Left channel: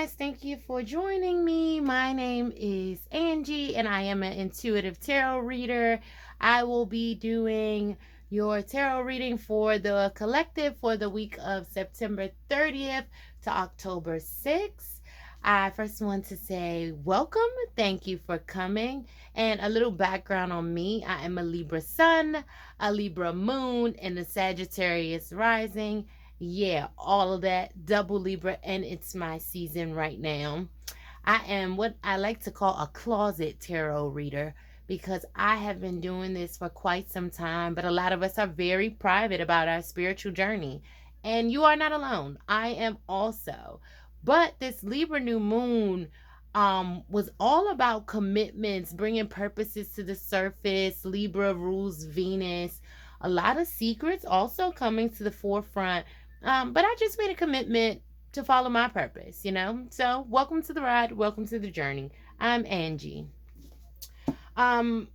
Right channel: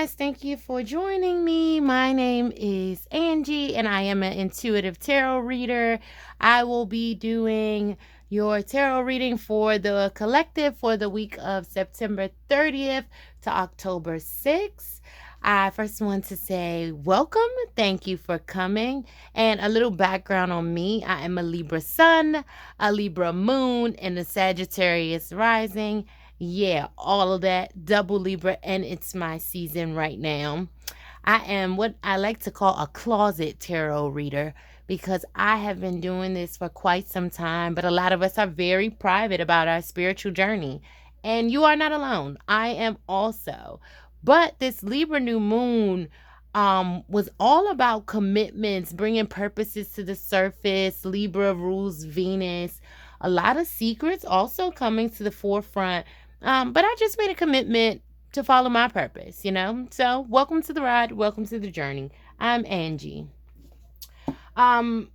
guys, thank you for joining me. My name is Angie and I am an intuitive tarot reader. I will be doing your tarot reading for the collective for the week of September 30th to October 6th. I first want to say welcome. Thank you for coming. And a little background on me. I am a Libra sun, a Libra moon, and a Sagittarius rising. Yeah, all of that. Double Libra, and it's my season right now. I am what I like to call a closet tarot reader because I have been doing this for quite some time, but a lot of us are very private about our spiritual journey. And you are not alone. I am also. But this Libra new moon was all about commitments, bringing purposes to the surface. Libra rules Venus. A lot of secrets also coming to the forefront. But I just made a commitment to follow my purpose, you know? So, welcome to the ride, welcome to the journey. I'm Angie. Um,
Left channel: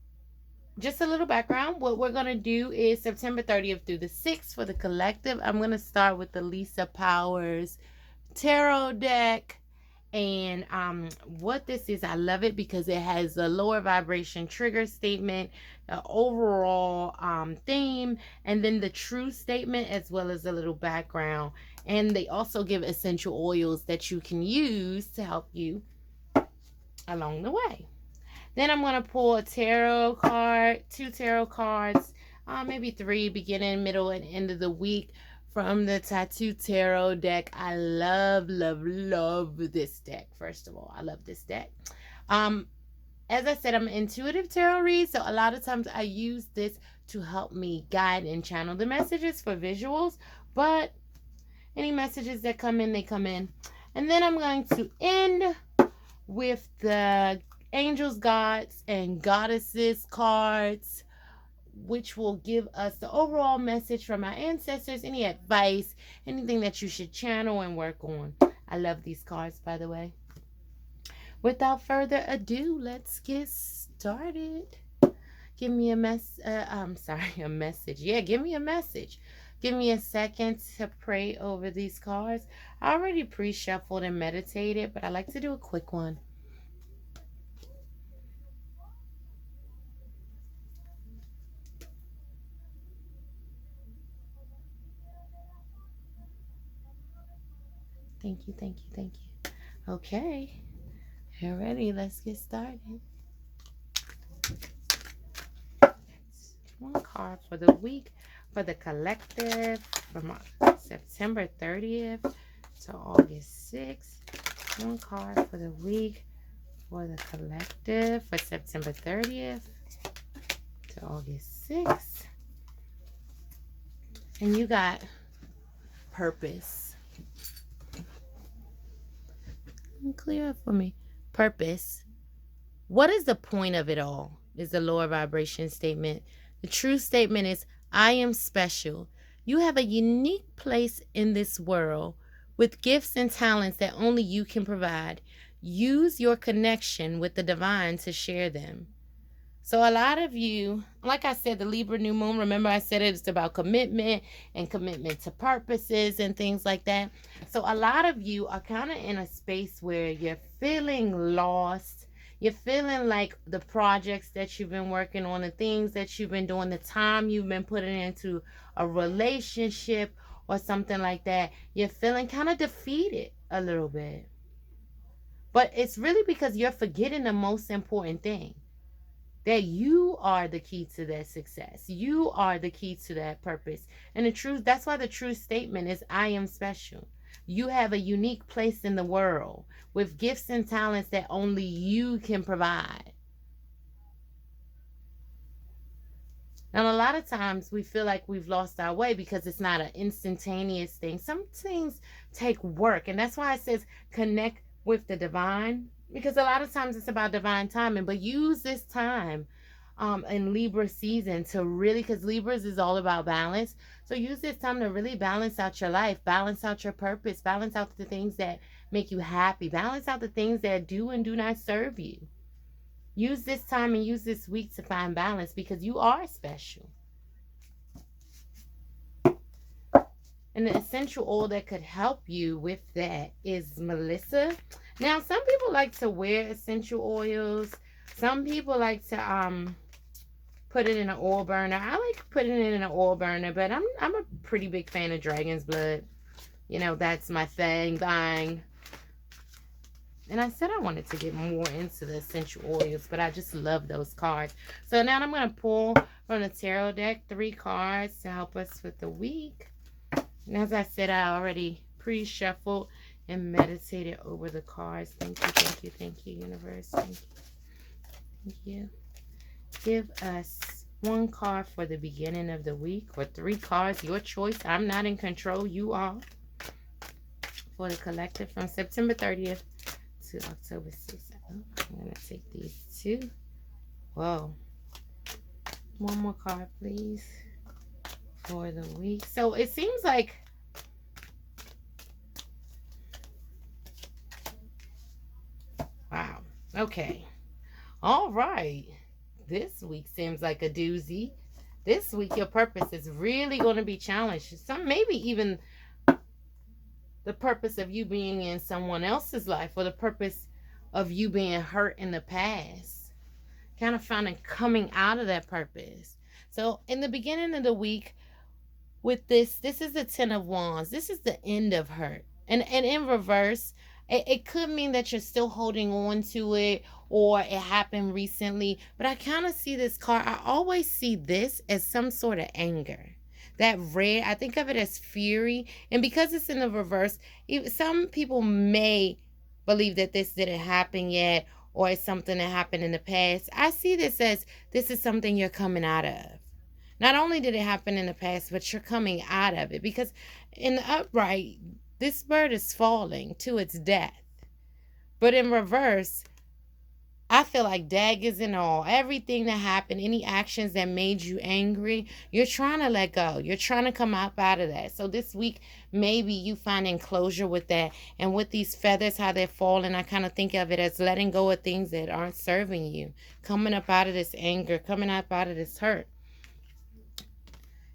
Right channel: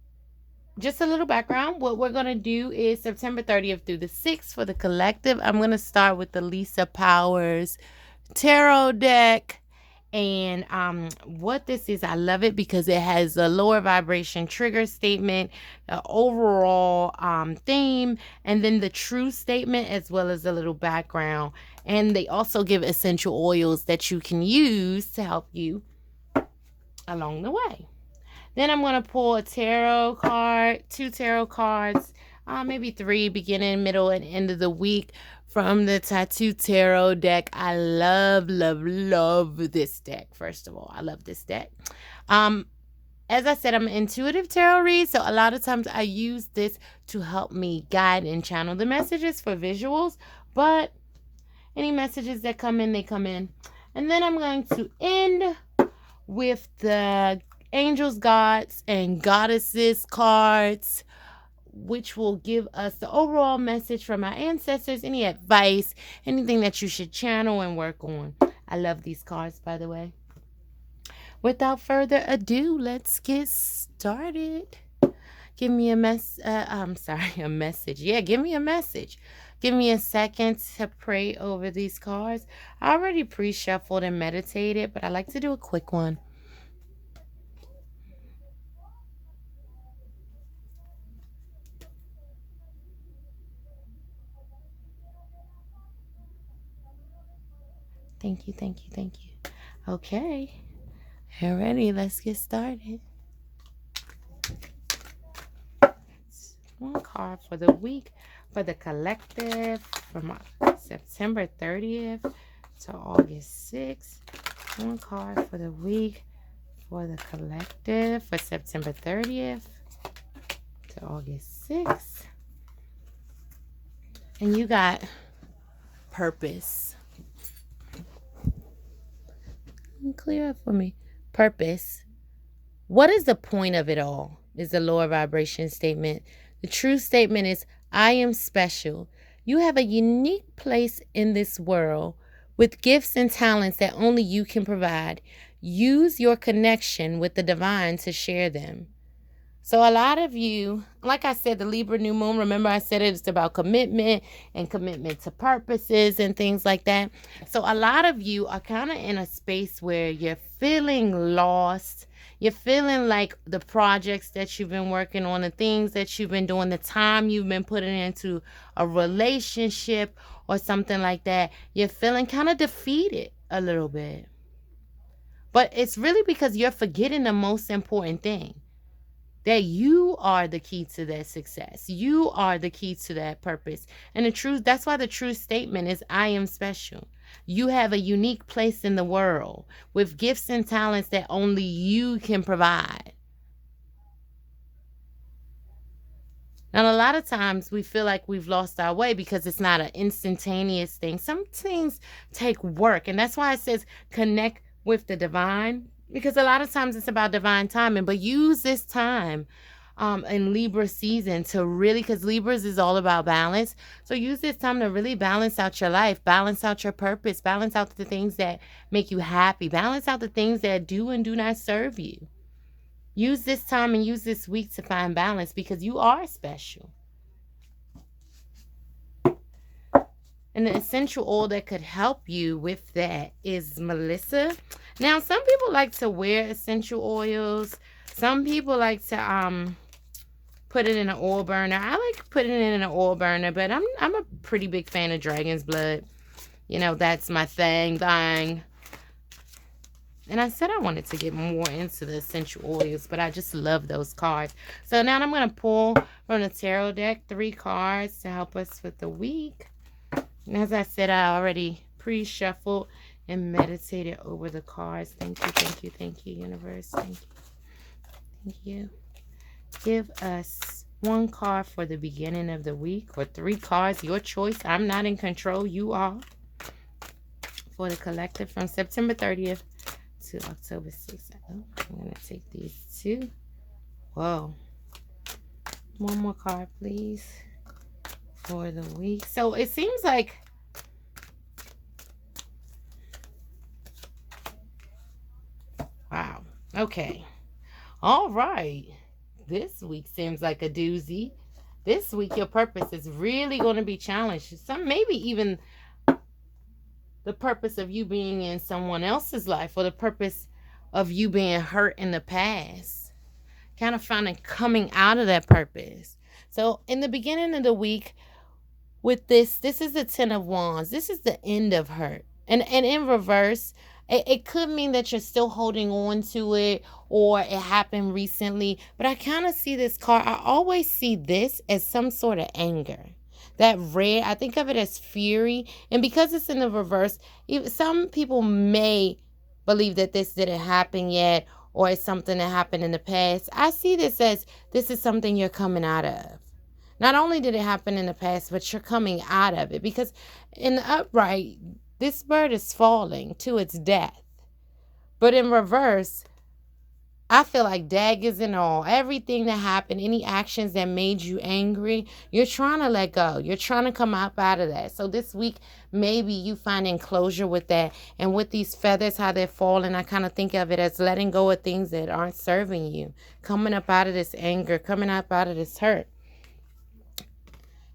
just a little background. What we're going to do is September 30th through the 6th for the collective. I'm going to start with the Lisa Powers tarot deck. And what this is, I love it because it has a lower vibration trigger statement, the overall theme, and then the true statement, as well as a little background. And they also give essential oils that you can use to help you along the way. Then I'm going to pull a tarot card, 2 tarot cards, maybe 3, beginning, middle, and end of the week from the Tattoo Tarot deck. I love this deck. First of all, I love this deck. As I said, I'm an intuitive tarot read, so a lot of times I use this to help me guide and channel the messages for visuals, but any messages that come in, they come in. And then I'm going to end with the angels, gods, and goddesses cards, which will give us the overall message from our ancestors, any advice, anything that you should channel and work on. I love these cards, by the way. Without further ado, let's get started. Give me a message. Yeah, give me a message. Give me a second to pray over these cards. I already pre-shuffled and meditated, but I like to do a quick one. Thank you, thank you, thank you. Okay. Alrighty, let's get started. One card for the week for the collective from September 30th to August 6th. One card for the week for the collective for September 30th to August 6th. And you got purpose. Clear up for me. Purpose. What is the point of it all? Is the lower vibration statement. The true statement is, I am special. You have a unique place in this world with gifts and talents that only you can provide. Use your connection with the divine to share them. So a lot of you, like I said, the Libra new moon, remember I said it's about commitment and commitment to purposes and things like that. So a lot of you are kind of in a space where you're feeling lost. You're feeling like the projects that you've been working on, the things that you've been doing, the time you've been putting into a relationship or something like that, you're feeling kind of defeated a little bit. But it's really because you're forgetting the most important thing. That you are the key to that success. You are the key to that purpose. And the truth, that's why the true statement is, I am special. You have a unique place in the world with gifts and talents that only you can provide. And a lot of times we feel like we've lost our way because it's not an instantaneous thing. Some things take work. And that's why it says connect with the divine. Because a lot of times it's about divine timing, but use this time in Libra season to really, because Libras is all about balance. So use this time to really balance out your life, balance out your purpose, balance out the things that make you happy, balance out the things that do and do not serve you. Use this time and use this week to find balance because you are special. And the essential oil that could help you with that is Melissa. Now, some people like to wear essential oils. Some people like to put it in an oil burner. I like putting it in an oil burner, but I'm a pretty big fan of Dragon's Blood. You know, that's my thing. And I said I wanted to get more into the essential oils, but I just love those cards. So now I'm going to pull from the tarot deck 3 cards to help us with the week. And as I said, I already pre-shuffled and meditated over the cards. Thank you, thank you, thank you, universe. Thank you. Thank you. Give us 1 card for the beginning of the week, or 3 cards, your choice. I'm not in control, you are. For the collective from September 30th to October 6th. I'm going to take these 2. Whoa. 1 more card, please, for the week. So it seems like wow. Okay. All right. This week seems like a doozy. This week your purpose is really going to be challenged. Some maybe even the purpose of you being in someone else's life, or the purpose of you being hurt in the past. Kind of finding coming out of that purpose. So in the beginning of the week with this is the 10 of Wands. This is the end of hurt. And in reverse, it could mean that you're still holding on to it, or it happened recently. But I kind of see this card. I always see this as some sort of anger. That red, I think of it as fury. And because it's in the reverse, some people may believe that this didn't happen yet, or it's something that happened in the past. I see this as this is something you're coming out of. Not only did it happen in the past, but you're coming out of it. Because in the upright, this bird is falling to its death. But in reverse, I feel like daggers and all, everything that happened, any actions that made you angry, you're trying to let go. You're trying to come up out of that. So this week, maybe you find enclosure with that. And with these feathers, how they're falling, I kind of think of it as letting go of things that aren't serving you. Coming up out of this anger, coming up out of this hurt.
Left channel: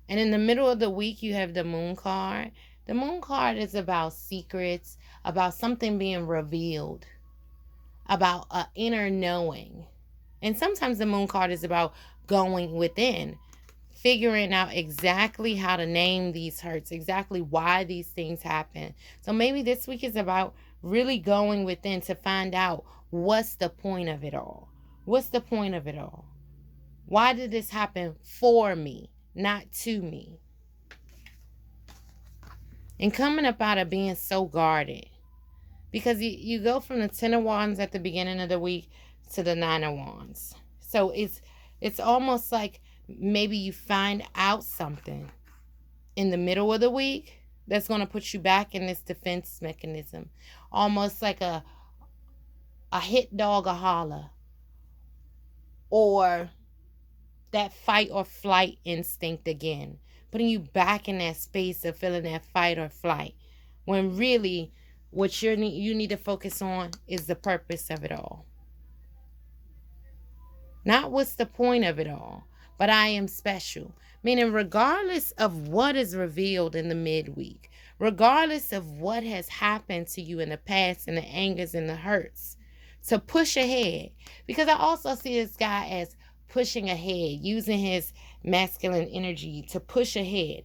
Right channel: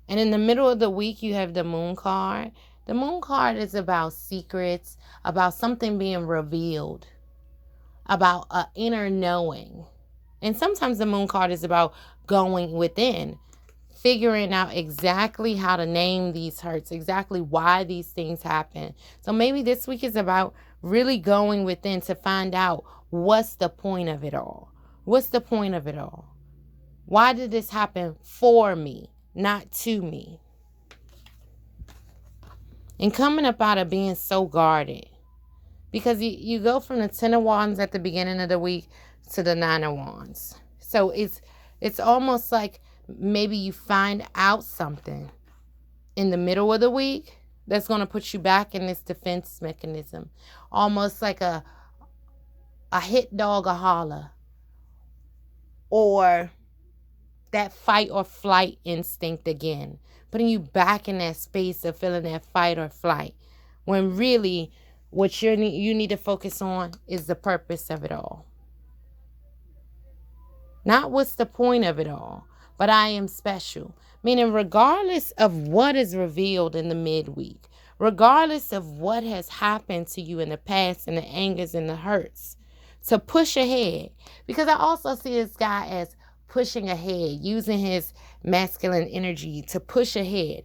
And in the middle of the week, you have the Moon card. The Moon card is about secrets, about something being revealed, about an inner knowing. And sometimes the Moon card is about going within, figuring out exactly how to name these hurts, exactly why these things happen. So maybe this week is about really going within to find out what's the point of it all. What's the point of it all? Why did this happen for me, not to me? And coming up out of being so guarded. Because you go from the 10 of Wands at the beginning of the week to the 9 of Wands. So it's almost like maybe you find out something in the middle of the week that's going to put you back in this defense mechanism. Almost like a hit dog a holler. Or that fight or flight instinct again. Putting you back in that space of feeling that fight or flight. When really what you need to focus on is the purpose of it all. Not what's the point of it all, but I am special. Meaning regardless of what is revealed in the midweek, regardless of what has happened to you in the past and the angers and the hurts, to push ahead. Because I also see this guy as pushing ahead, using his masculine energy to push ahead.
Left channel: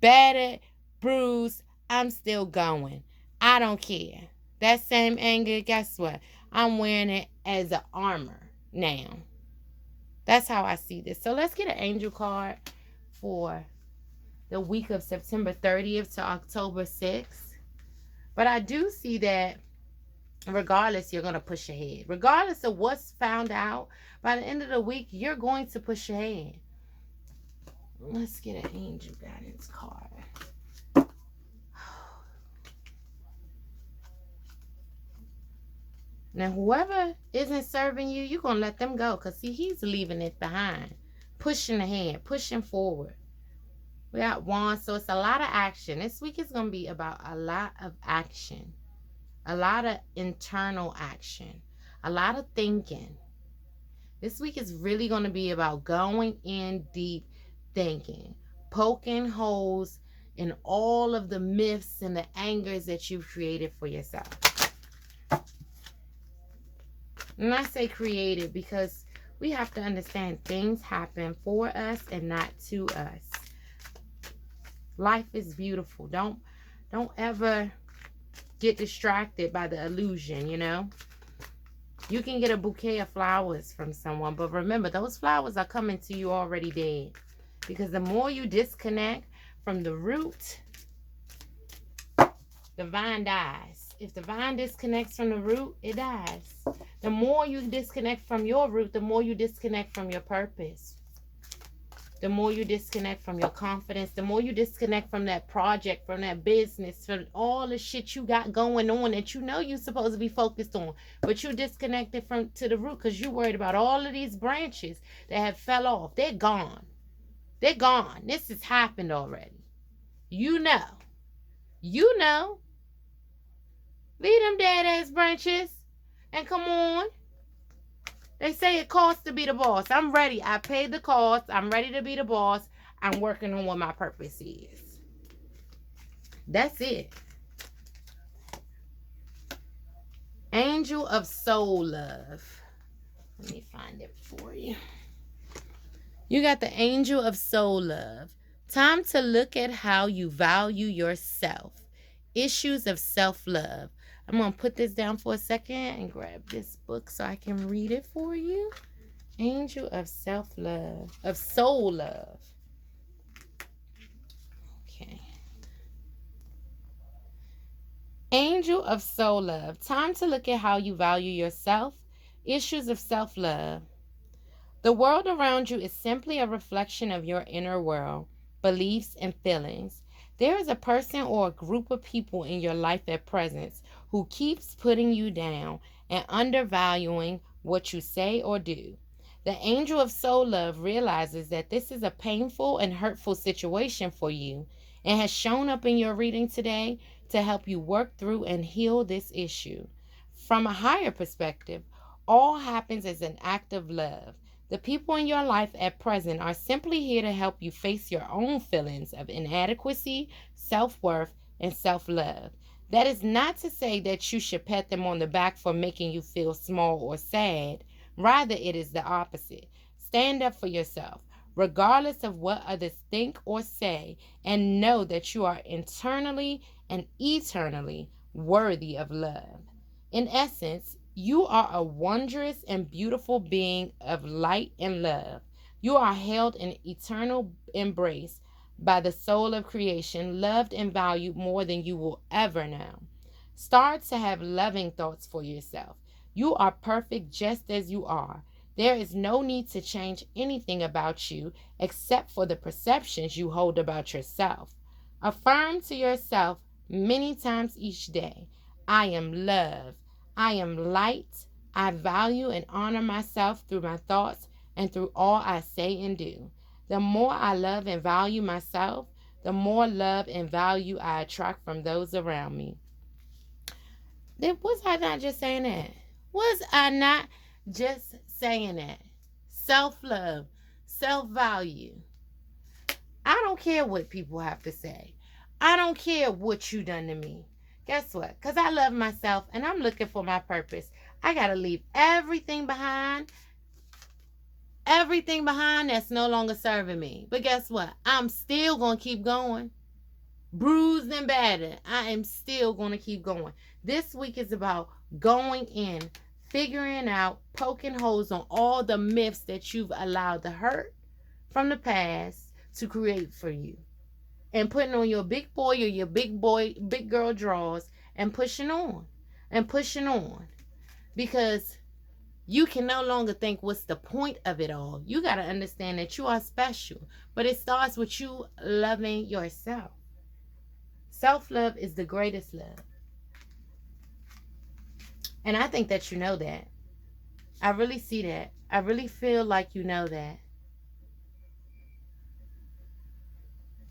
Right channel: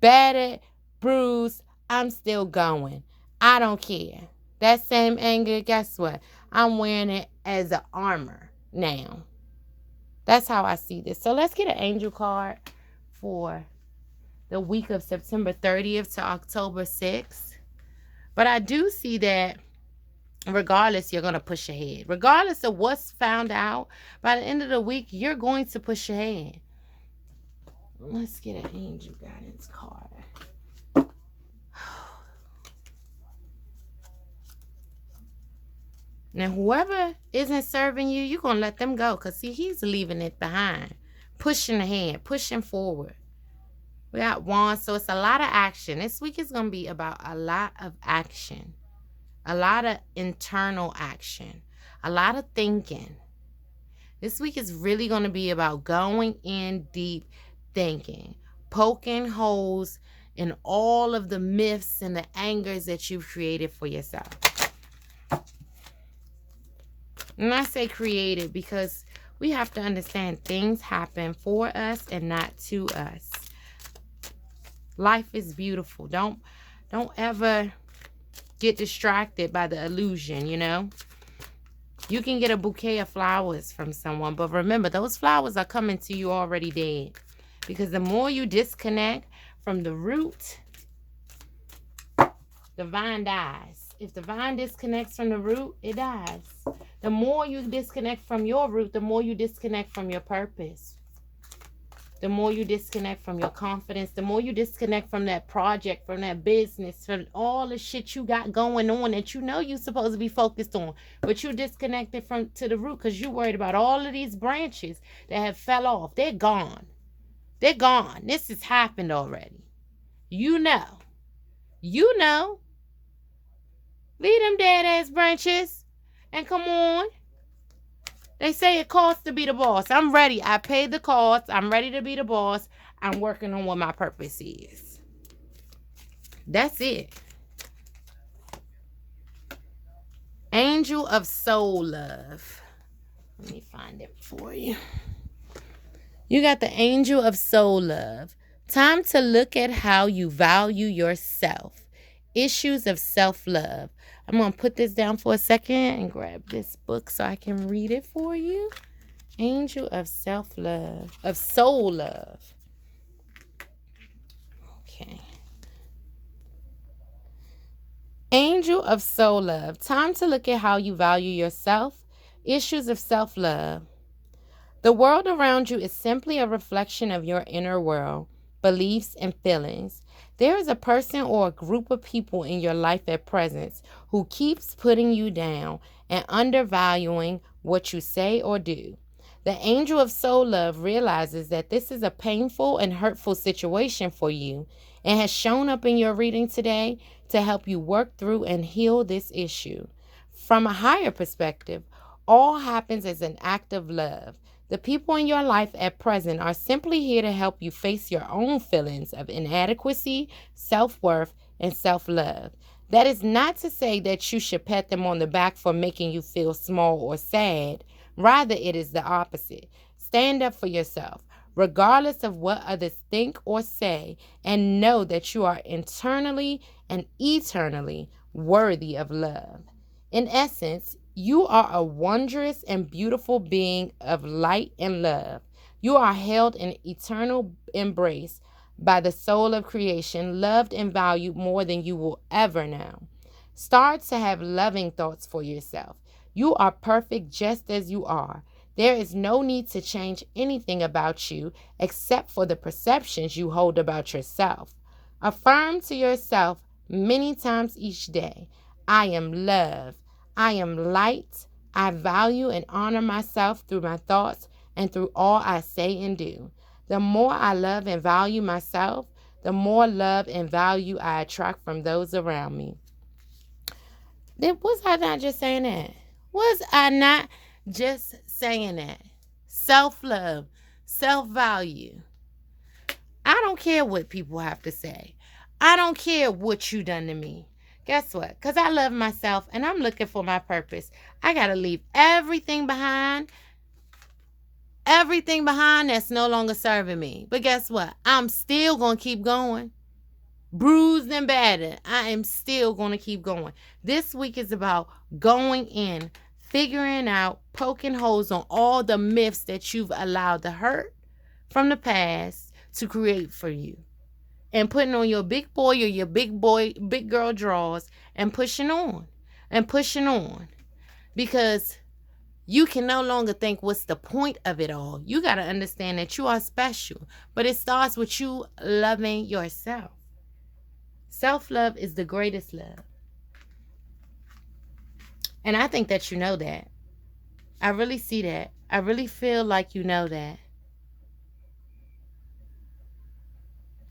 Battered, bruised, I'm still going. I don't care. That same anger, guess what? I'm wearing it as an armor now. That's how I see this. So let's get an angel card for the week of September 30th to October 6th. But I do see that regardless, you're going to push ahead. Regardless of what's found out, by the end of the week, you're going to push ahead. Let's get an angel guidance card. Now, whoever isn't serving you, you're going to let them go. Because, see, he's leaving it behind. Pushing ahead. Pushing forward. We got Wands. So, it's a lot of action. This week is going to be about a lot of action. A lot of internal action. A lot of thinking. This week is really going to be about going in deep thinking. Poking holes in all of the myths and the angers that you've created for yourself. And I say created because we have to understand things happen for us and not to us. Life is beautiful. Don't ever get distracted by the illusion, you know. You can get a bouquet of flowers from someone, but remember, those flowers are coming to you already dead. Because the more you disconnect from the root, the vine dies. If the vine disconnects from the root, it dies. The more you disconnect from your root, the more you disconnect from your purpose. The more you disconnect from your confidence, the more you disconnect from that project, from that business, from all the shit you got going on that you know you're supposed to be focused on. But you're disconnected to the root because you're worried about all of these branches that have fell off. They're gone. They're gone. This has happened already. You know. You know. Leave them dead ass branches and come on. They say it costs to be the boss. I'm ready. I paid the cost. I'm ready to be the boss. I'm working on what my purpose is. That's it. Angel of Soul Love. Let me find it for you. You got the Angel of Soul Love. Time to look at how you value yourself. Issues of self-love. I'm going to put this down for a second and grab this book so I can read it for you. Angel of self-love, of soul love. Okay. Angel of soul love. Time to look at how you value yourself. Issues of self-love. The world around you is simply a reflection of your inner world, beliefs, and feelings. There is a person or a group of people in your life at present who keeps putting you down and undervaluing what you say or do. The angel of soul love realizes that this is a painful and hurtful situation for you and has shown up in your reading today to help you work through and heal this issue. From a higher perspective, all happens as an act of love. The people in your life at present are simply here to help you face your own feelings of inadequacy, self-worth, and self-love. That is not to say that you should pat them on the back for making you feel small or sad. Rather, it is the opposite. Stand up for yourself, regardless of what others think or say, and know that you are internally and eternally worthy of love. In essence, you are a wondrous and beautiful being of light and love. You are held in eternal embrace by the soul of creation, loved and valued more than you will ever know. Start to have loving thoughts for yourself. You are perfect just as you are. There is no need to change anything about you except for the perceptions you hold about yourself. Affirm to yourself many times each day, I am loved. I am light. I value and honor myself through my thoughts and through all I say and do. The more I love and value myself, the more love and value I attract from those around me. Was I not just saying that? Was I not just saying that? Self-love, self-value. I don't care what people have to say. I don't care what you done to me. Guess what? Because I love myself and I'm looking for my purpose. I got to leave everything behind. Everything behind that's no longer serving me. But guess what? I'm still going to keep going. Bruised and battered. I am still going to keep going. This week is about going in, figuring out, poking holes on all the myths that you've allowed to hurt from the past to create for you. And putting on your big boy or your big girl drawers and pushing on. Because you can no longer think what's the point of it all. You got to understand that you are special. But it starts with you loving yourself. Self-love is the greatest love. And I think that you know that. I really see that. I really feel like you know that.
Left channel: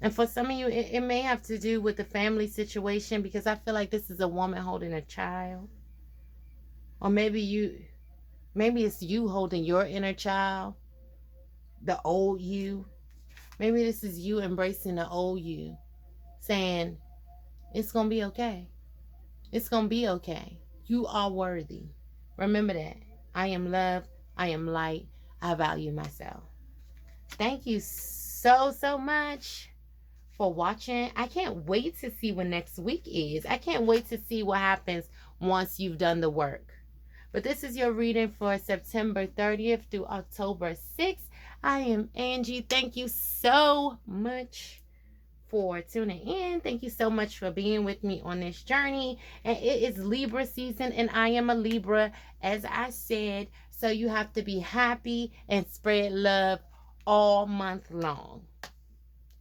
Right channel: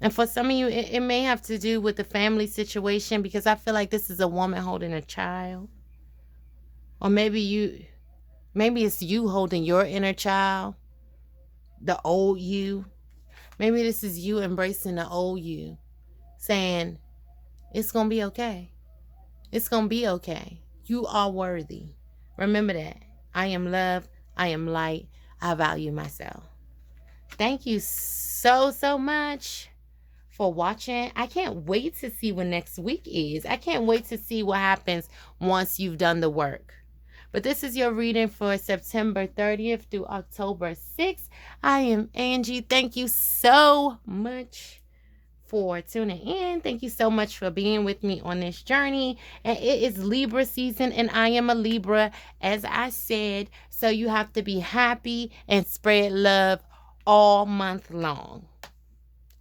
And for some of you, it may have to do with the family situation because I feel like this is a woman holding a child. Or maybe it's you holding your inner child, the old you. Maybe this is you embracing the old you saying, it's going to be okay. It's going to be okay. You are worthy. Remember that. I am love. I am light. I value myself. Thank you so, so much for watching. I can't wait to see what next week is. I can't wait to see what happens once you've done the work. But this is your reading for September 30th through October 6th. I am Angie. Thank you so much for tuning in. Thank you so much for being with me on this journey. And it is Libra season, and I am a Libra, as I said. So you have to be happy and spread love all month long.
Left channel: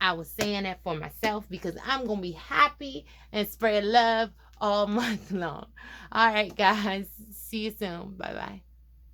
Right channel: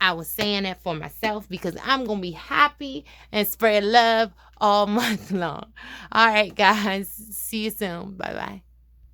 I was saying that for myself because I'm going to be happy and spread love all month long. All right, guys. See you soon. Bye-bye.